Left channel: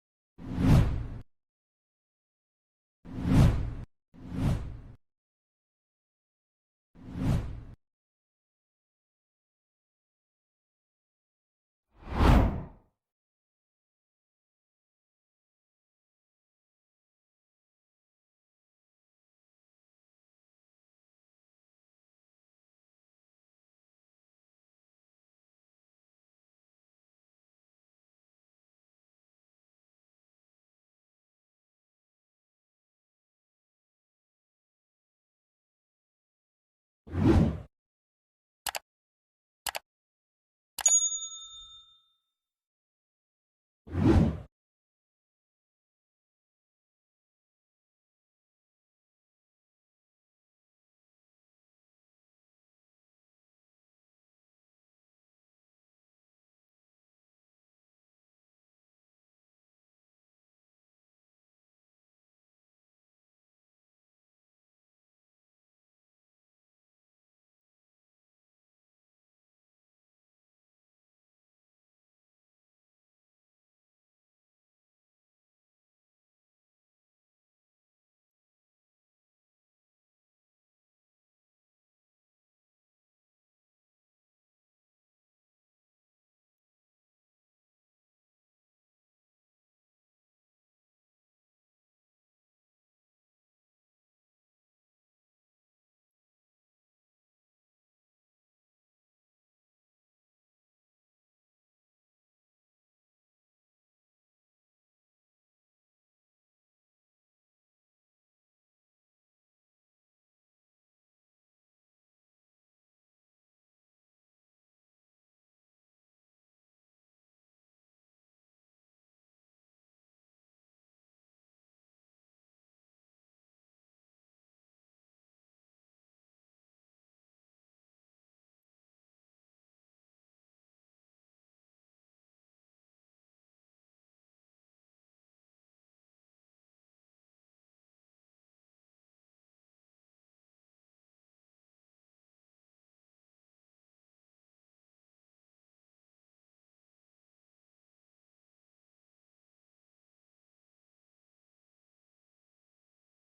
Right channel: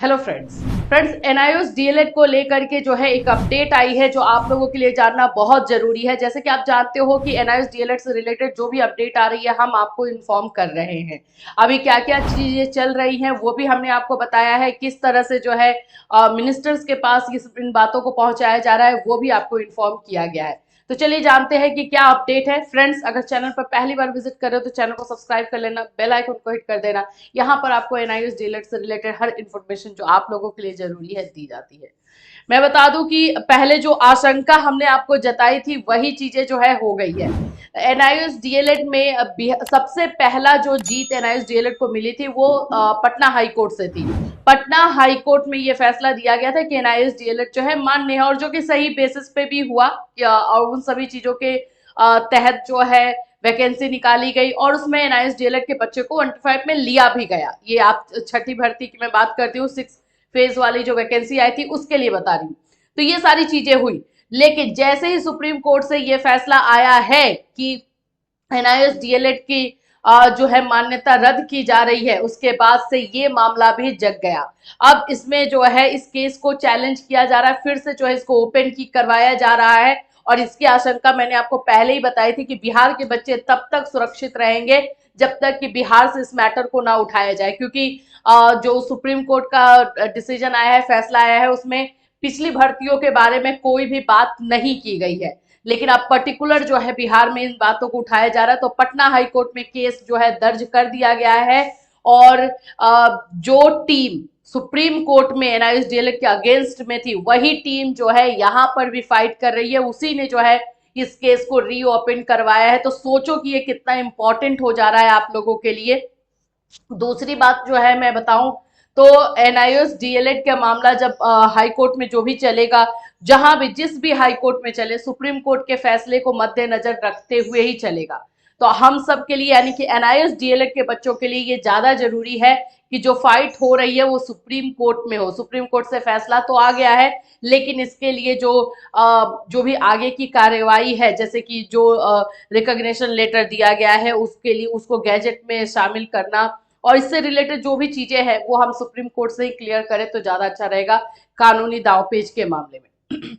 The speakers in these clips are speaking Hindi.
हेलो फ्रेंड्स एनआईओएस डीएलएड को लेकर के जो है एक अपडेट आई है जो आप लोगों के लिए जानना बहुत जरूरी है। जैसे कि आप जानते हो कि एनआईओएस डीएलएड से रिलेटेड जो भी अपडेट आ रही है हम आपको इन्फॉर्म कर रहे हैं। अभी क्या क्या चीजें चल रही हैं वो भी हमने आपको बताया है, किस तरह से जो है मिनिस्टर्स के पास इन बातों को पहुंचाया जा रहा है वो भी आपको इन्फॉर्म किया गया है। तो चलिए जानते हैं कि क्या अपडेट है। फ्रेंड्स, अगर चैनल पर पहली बार विजिट कर रहे हो तो चैनल को सब्सक्राइब कर लेना, बेल आइकन को हिट कर देना। यहाँ पर आपको एनआईओएस डीएलएड से रिलेटेड हर इन्फॉर्मेशन जो आप लोगों के लिए जरूरी है दी जाती है। मैं बता दूं कि पहले जो आशंका हमने आपको जताई थी वही चीजें जो है हो गई है। एनआईओएस डीएलएड में सबसे पहला जो जीत एनआईओएस डीएलएड को मिली थी वो पटना हाई कोर्ट से थी। पटना हाई कोर्ट में ये फैसला दिया गया था कि एनआईओएस डीएलएड जो है मान्य है, और जो कि सही बेसिस पे भी हुआ। और उन सभी चीजों के तहत जो है वैकेंसी निकाली गई और उसमें एनआईएस डीएलएड के बच्चे को 15 में लिया भी गया। ये आप छठी भर्ती की मैं बात करती हूँ, 6 फेज वाली जो वैकेंसी आई थी उसके लिए बता रही हूँ। तो ये सारी चीजें हुई, लेकिन जैसे ही सुप्रीम कोर्ट से ये फैसला आया है कि एनआईएस डीएलएड की जो है मान्यता रद्द की जा रही है, उसके बाद से ये मामला भी जग गया। अब इसमें जो है इस केस को चैलेंज किया जा रहा है, फिर से जो है इसको ओपन की करवाया जा रहा है। और इसकी आशंका मैंने आपको पहले ही बताई थी कि बिहार के बच्चे तब तक सुरक्षित रहेंगे जब तक कि बिहार से इस मैटर को ना उठाया जाए, क्योंकि जो सुप्रीम कोर्ट का डिसीजन आया है, फैसला आया है, उसमें पिछली भर्तियों के बारे में कोई भी बात नहीं की गई है। लेकिन अब पर्टिकुलर जो है बिहार में इन बातों को उठाया जा रहा है, तो पटना हाई कोर्ट में केस जो है दर्ज कर दिया गया है। और जो टीम सुप्रीम कोर्ट में एनआईएस डीएलएड के अगेंस्ट में थी वही टीम जो है यहाँ पर भी फाइट कर रही है, उसी ने जो है इस केस को रीओपन करवाया है। तो सोचो कि ये कितना इंपॉर्टेंट हो जा रहा है आप लोगों के लिए। दूसरी बात जो है मैं बताऊं तो एनआईओएस डीएलएड का मामला जब हाई कोर्ट में जो भी चलेगा, जहां भी जिस भी हाई कोर्ट में चले, सुप्रीम कोर्ट के फैसले को मद्देनजर रखते हुए ही चलेगा। तो हम सब के लिए यानी कि एनआईओएस डीएलएड के बच्चों के लिए ये ज्यादा जरूरी है कि जो फाइट हो रही है वो सुप्रीम कोर्ट में हो। सुप्रीम कोर्ट से फैसला तो आ गया है, लेकिन इसके लिए जो भी आगे की कार्यवाही है, जैसे कि जो रिकॉग्निशन लेटर दिया गया है उसके लिए उसको गैजेट में शामिल करना और इससे रिलेटेड जो भी चीजें हैं वो हम सुप्रीम कोर्ट से ही क्लियर करें तो ज्यादा अच्छा रहेगा कानूनी दांवपेच के मामले में।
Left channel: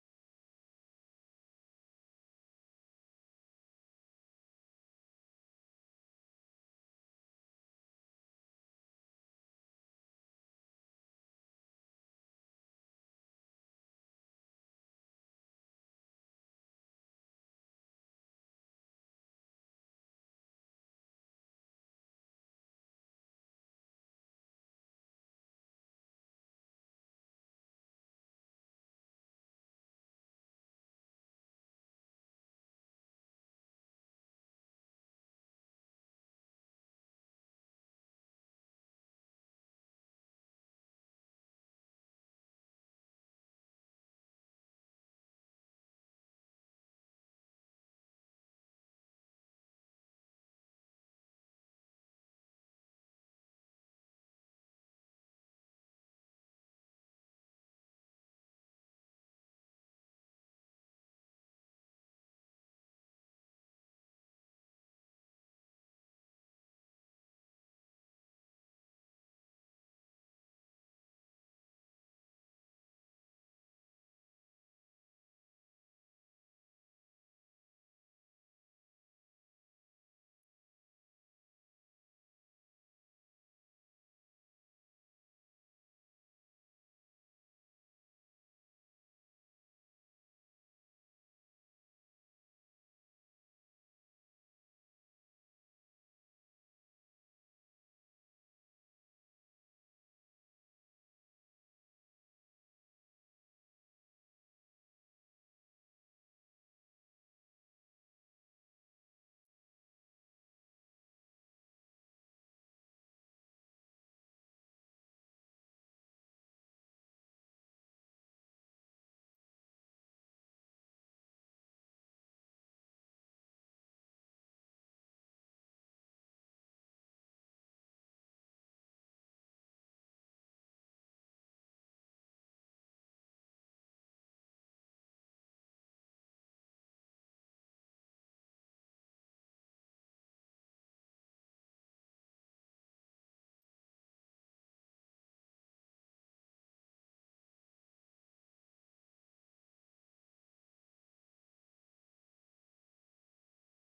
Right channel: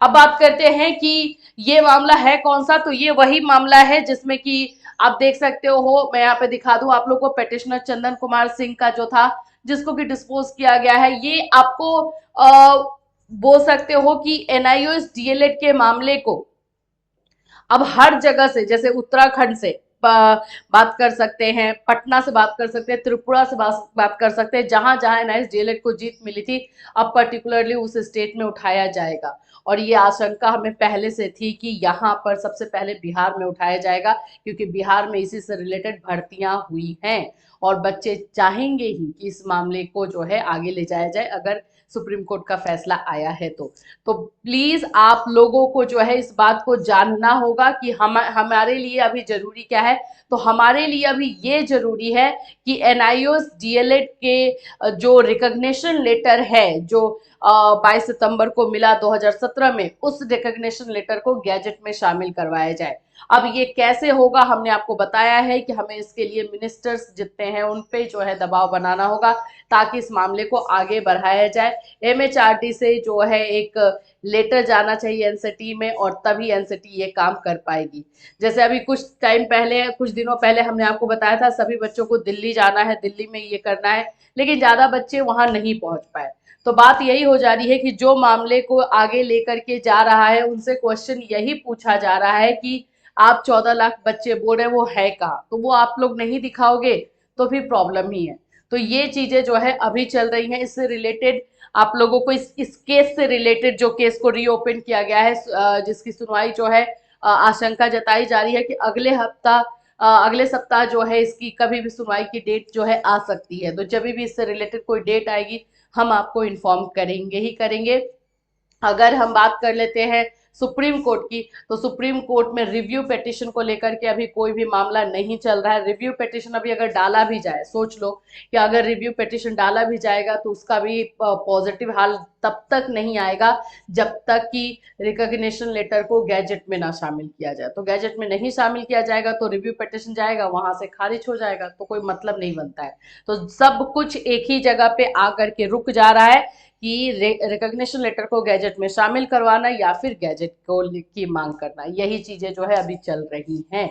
अब बात करते हैं कि ये मामला है कौन सा। तो ये वही मामला है जिसमें कि आप देख सकते हो, मैं यहाँ पे दिखा दूं आप लोग को, पेटिशनर चंदन कुमार सिंह का जो था, जिसको कि डिस्पोज किया गया है। ये आपको बोल सकते हो कि एनआईओएस डीएलएड के मामले को अब हर जगह से, जैसे उत्तराखंड से बात कर सकते हैं, पटना से बात कर सकते हैं, त्रिपुरा से बात कर सकते हैं, जहां जहां एनआईएस डीएलएड को जीत मिली थी अब पर्टिकुलरली उस स्टेट में उठाया जाएगा। और ये आशंका हमें पहले से थी कि यहाँ पर सबसे पहले बिहार में उठाया जाएगा, क्योंकि बिहार में इसी से रिलेटेड भर्तियां हुई हैं और बच्चे चाहेंगे ही कि इस मामले को जो है आगे ले जाया जाए अगर सुप्रीम कोर्ट का फैसला आया है तो प्लीज आप लोगों को जो है इस बात को जानना होगा कि हमारे लिए अभी जरूरी क्या है। तो हमारे लिए अभी ये जरूरी है कि एनआईओएस डीएलएड के जो रिकॉग्निशन लेटर है जो 22 सितंबर को मिला 2017 में, उस रिकॉग्निशन लेटर को गैजेट में शामिल करवाया जाए। अब ये कैसे होगा हमने आपको बताया है कि हमें इसके लिए मिनिस्टर्स जितने हैं उन पे जो है दबाव बनाना होगा ताकि इस मामले को आगे बढ़ाया जाए। एमएचआरडी से जो है एक लेटर जाना चाहिए एनसीटी में और तभी एनसीटी ये काम कर पाएगी। जैसे अभी कुछ टाइम पहले, कुछ दिनों पहले हमने आपको बताया था सभी बच्चों को दिल्ली जाना है, दिल्ली में ये करना है, लेकिन ज्यादा बच्चे वहां नहीं पहुंच पाए। तो बात यही हो जा रही है कि जो मामले को आगे लेकर के जा रहा है उनसे क्वेश्चन यही पूछा जा रहा है कि आप 14 लाख बच्चे बोल रहे वो है कहाँ, तो वो आप लोग नहीं दिखाओगे तो फिर प्रॉब्लम ही है। तो ये चीजें जो है अभी चल रही हैं। इससे रिलेटेड आप लोगों को इस केस से रिलेटेड जो केस को रीओपन किया गया है, जिसकी सुनवाई जो है आशंका जताई जा रही है कि अगले सप्ताह जो है इसकी कभी भी सुनवाई की डेट जो है आ सकती है। तो जब भी इससे रिलेटेड कोई डेट आएगी हम आपको इन्फॉर्म करेंगे ही करेंगे। अगर हम बात कर लेते हैं सुप्रीम कोर्ट की, तो सुप्रीम कोर्ट में रिव्यू पिटिशन को लेकर के अभी कोई भी मामला नहीं चल रहा है। रिव्यू पिटिशन अभी अगर डाला भी जाए, सोच लो कि अगर रिव्यू पिटिशन डाला भी जाएगा तो उसका भी पॉजिटिव हाल तब तक नहीं आएगा जब तक कि रिकॉग्निशन लेटर को गैजेट में ना शामिल किया जाए। तो गैजेट में नहीं शामिल किया जाएगा तो रिव्यू पिटिशन जाएगा, वहां से खारिज हो जाएगा, तो कोई मतलब नहीं बनता है। तो सब कुछ एक ही जगह पे आकर के रुक जा रहा है कि रिकॉग्निशन लेटर को गैजेट में शामिल करवाना या फिर गैजेट को की मांग करना, यही चीजें जो है अभी चल रही हैं।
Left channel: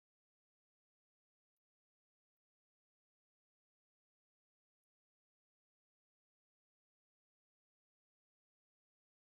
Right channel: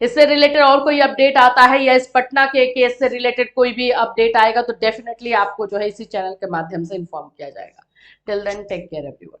इससे रिलेटेड और कोई अपडेट आता है या इस पटना के केस से रिलेटेड कोई भी अपडेट आएगा तो डेफिनेटली आपको जो है इसी चैनल के माध्यम से इन्फॉर्म किया जाएगा। Till then take care everyone.